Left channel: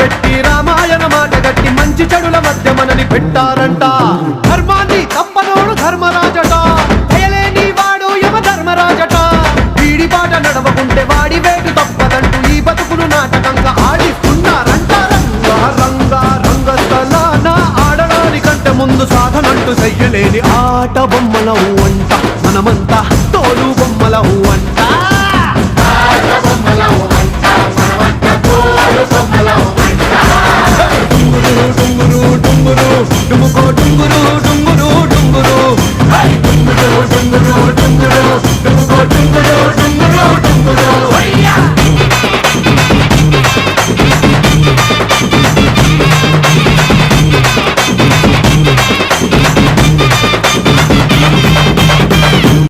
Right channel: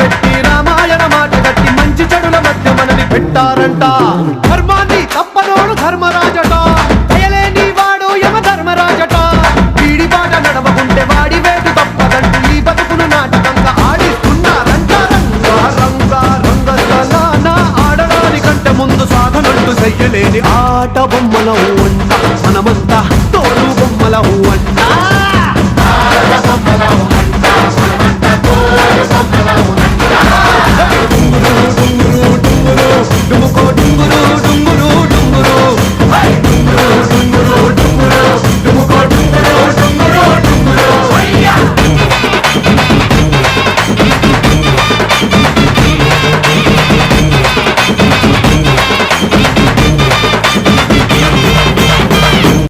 పెట్టి రామాయణ మాట గట్టి మంచి చెడుల మధ్య మనని పెట్టారంట. ధర్మాన్ని తప్పనోడు ధర్మరాజట, దయలేని వాడు యమ ధర్మరాజట. వీడి బాట నడవకుంటే వాడి వేటు తప్పదంటూ ఈ బతుకును నాటకంగా ఆడిస్తున్నారంట. రంగా రంగా రంగస్థలాన ఆడడానికంటే ముందు సాధనంటూ చెయ్యలేని ఆట బొమ్మలవు అంట. మనమంతా తోలు బొమ్మలవు అంట.